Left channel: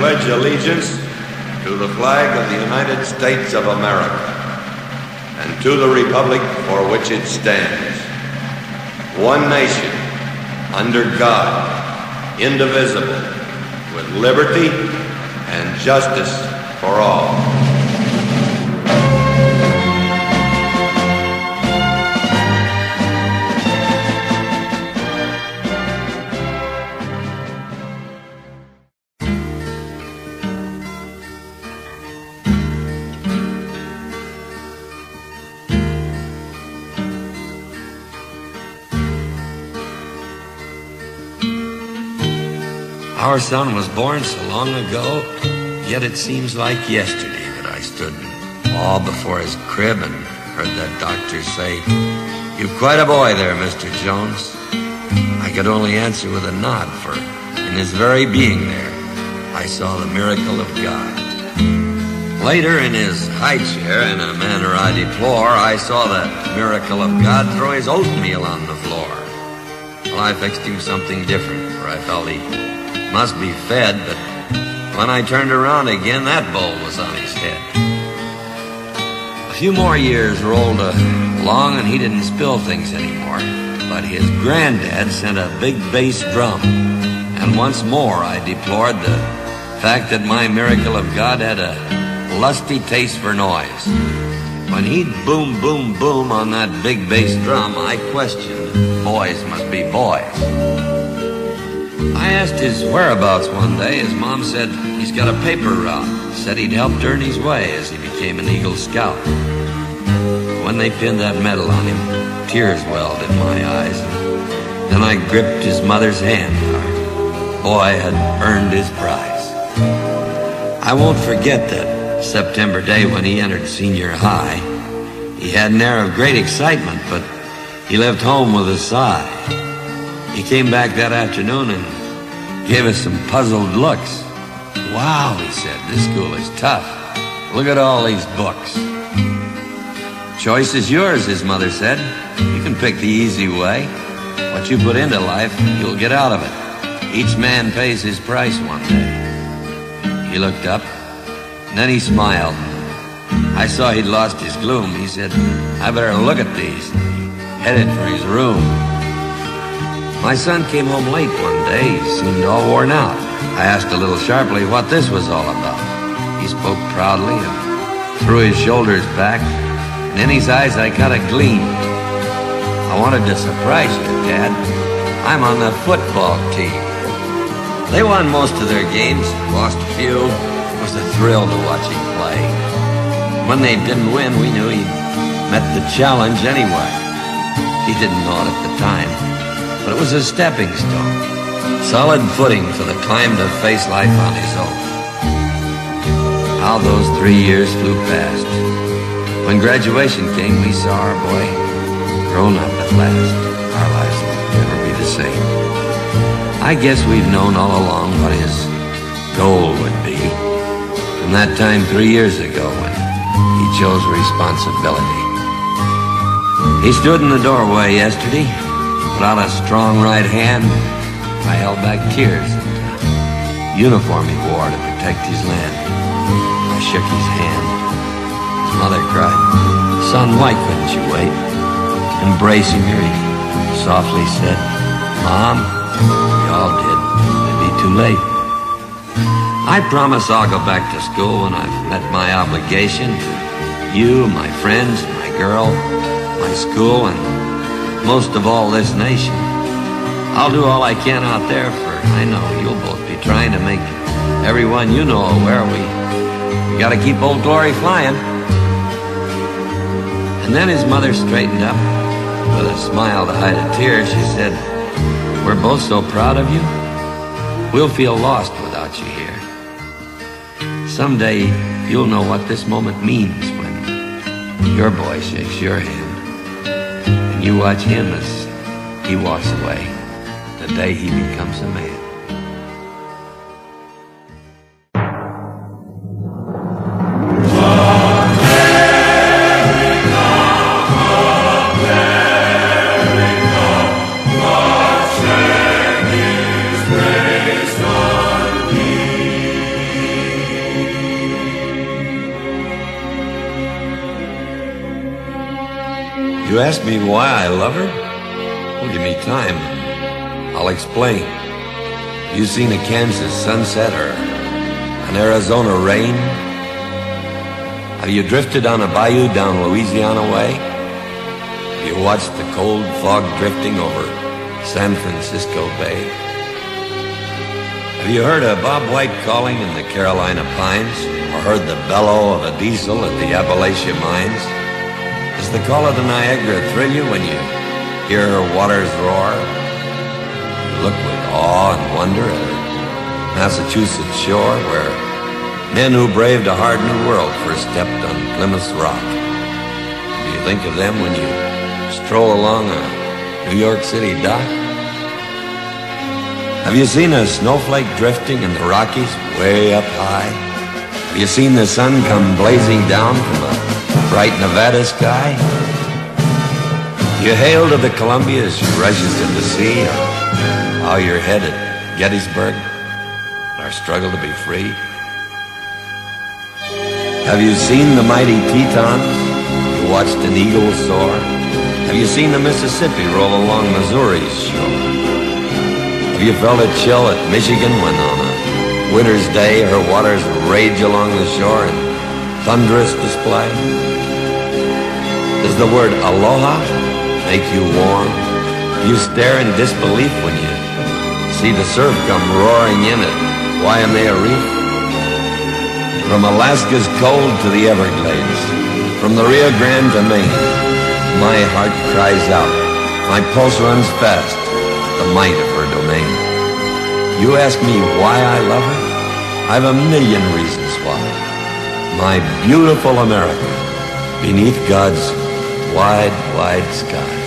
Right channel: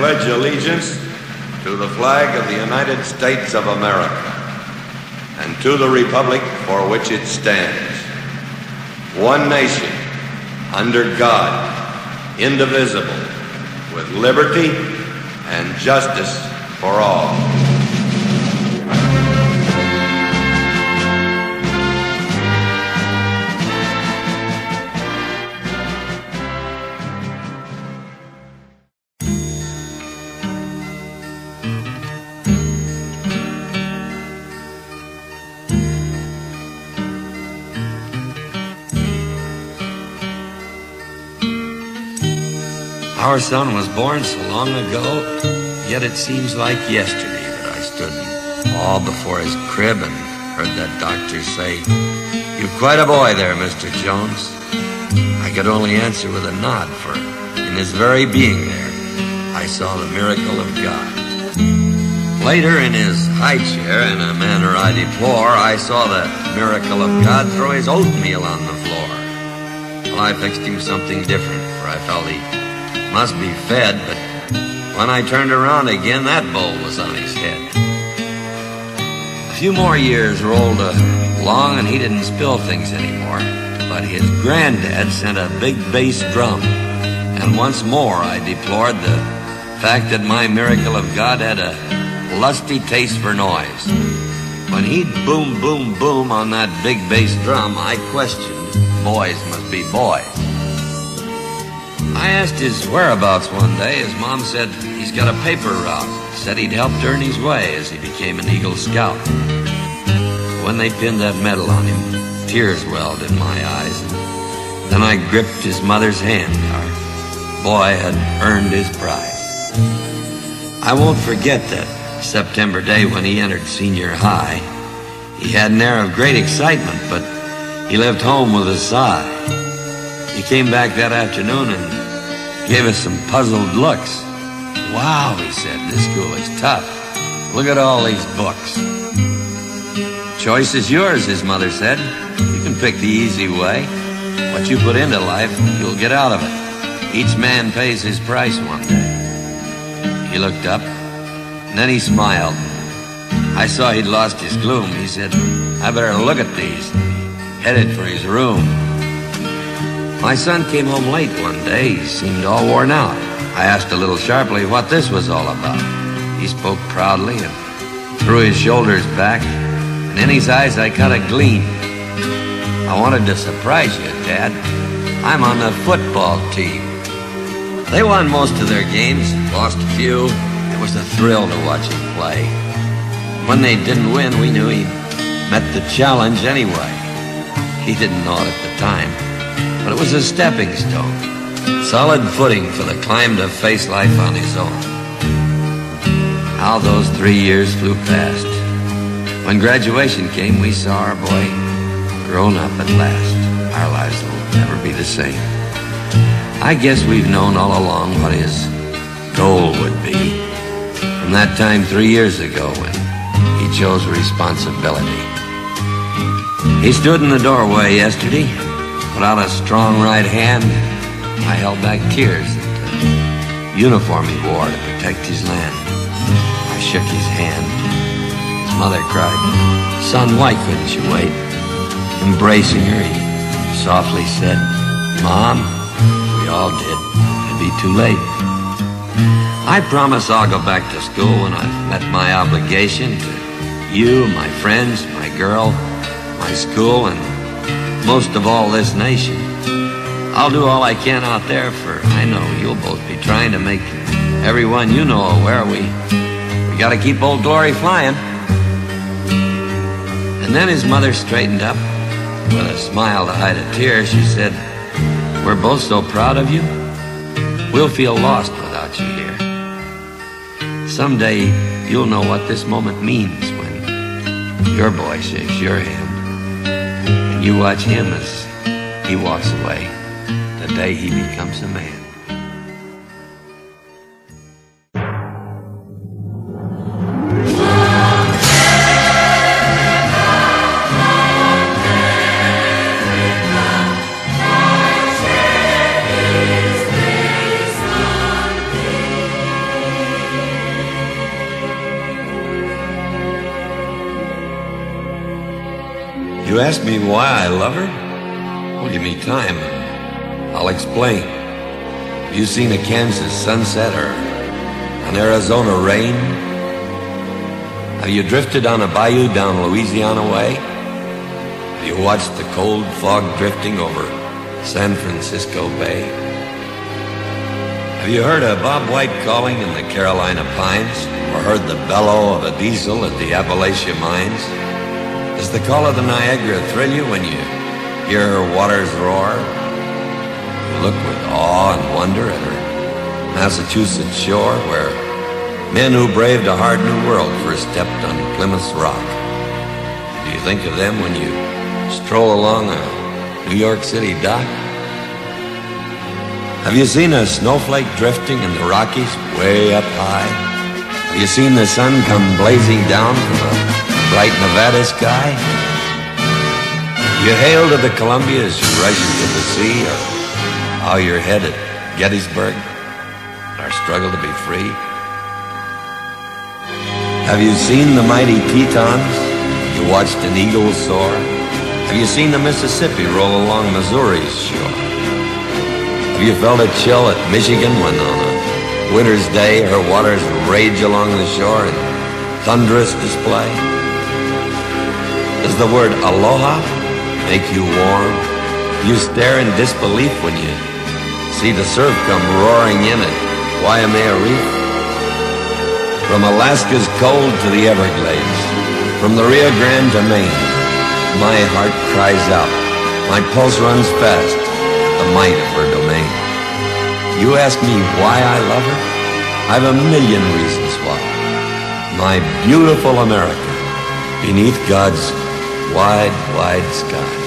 pledge allegiance to the flag of the United States of America and to the republic for which it stands, one nation, under God, indivisible, with liberty and justice for all. Our son was born so long ago, yet it seems like yesterday that I stood in awe before his crib and heard that doctor say, "You're quite a boy there, Mr. Jones." I could only answer with a nod, for in his very being there, I saw the miracle of God. Later, in his high chair, in a manner I deplore, I saw the miracle of God throw his oatmeal on the floor. Well, I fixed him something different, for I felt he must be fed, but when I turned around again, that bowl was on his head. A few more years rolled along, and he didn't spill things anymore, but his granddad sent a big bass drum, and once more I deplored the fact that my miracle of God had a lusty taste for noise. When he'd boom, boom, boom on that big bass drum, I questioned, boys must be boys. I asked his whereabouts one day. His mom said he's got a paper route. Said he'd helped earn his way as he became an Eagle Scout. When they pinned that medal on him, tears welled in my eyes. Then I gripped his mother's hand. Our boy had earned his prize. I won't forget that September day when he entered senior high. He had an air of great excitement, but he left home with a sigh. He came back that afternoon and gave us some puzzled looks. "Wow," he said, "this school is tough. Look at all these books." "Choice is yours," his mother said. "You can pick the easy way. What you put into life, you'll get out of it. Each man pays his price one day." He looked up, and then he smiled. I saw he'd lost his gloom. He said, "I better look at these." He headed for his room. My son came home late one day. He seemed all worn out. I asked a little sharply what this was all about. He spoke proudly and threw his shoulders back, and in his eyes I caught a gleam. "I wanted to surprise you, Dad. I'm on the football team." They won most of their games, lost a few. It was a thrill to watch him play. When they didn't win, we knew he'd met the challenge anyway. He didn't know it at the time, but it was a stepping stone, solid footing for the climb to face life on his own. How those 3 years flew past. When graduation came, we saw our boy grown up at last. Our lives will never be the same. I guess we've known all along what his goal would be. From that time 3 years ago when he chose responsibility. He stood in the doorway yesterday, put out a strong right hand. I held back tears at the uniform he wore to protect his land. I shook his hand. His mother cried, "Son, why couldn't you wait?" Embracing her, he softly said, "Mom, we all did. It'd be too late." I promise I'll go back to school when I've met my obligation to you, my friends, my girl, my school, and most of all this nation. I'll do all I can out there, for I know you'll both be trying to make everyone you know aware we gotta keep Old Glory flying. And then his mother straightened up. With a smile to hide a tear, she said, "We're both so proud of you. We'll feel lost without you here. Someday you'll know what this moment means when your boy shakes your hand, and you watch him as he walks away the day he becomes a man." You ask me why I love her? Well, give me time. I'll explain. Have you seen a Kansas sunset or an Arizona rain? Have you drifted on a bayou down Louisiana way? Have you watched the cold fog drifting over San Francisco Bay? Have you heard a Bob White calling in the Carolina pines, or heard the bellow of a diesel at the Appalachia mines? Does the call of the Niagara thrill you when you hear her waters roar? You look with awe and wonder at her Massachusetts shore, where men who braved a hard new world first stepped on Plymouth's rock. Do you think of them when you stroll along a New York City dock? Have you seen a snowflake drifting in the Rockies way up high? Have you seen the sun come blazing down from a bright Nevada sky? You hail to the Columbia as she rushes in the sea, or bow your head at Gettysburg, our struggle to be free? Have you seen the mighty Tetons? You watched an eagle soar? Have you seen the Mississippi roll along Missouri's shore? Have you felt a chill at Michigan when on a winter's day her waters rage along the shore in thunderous display? Does the word aloha make you warm? You stare in disbelief when you see the surf come roaring in at Waimea Reef? From Alaska's cold to the Everglades, from the Rio Grande to Maine, my heart cries out, my pulse runs fast, the might of her domain. You ask me why I love her? I've a million reasons why. My beautiful America, beneath God's wide, wide sky.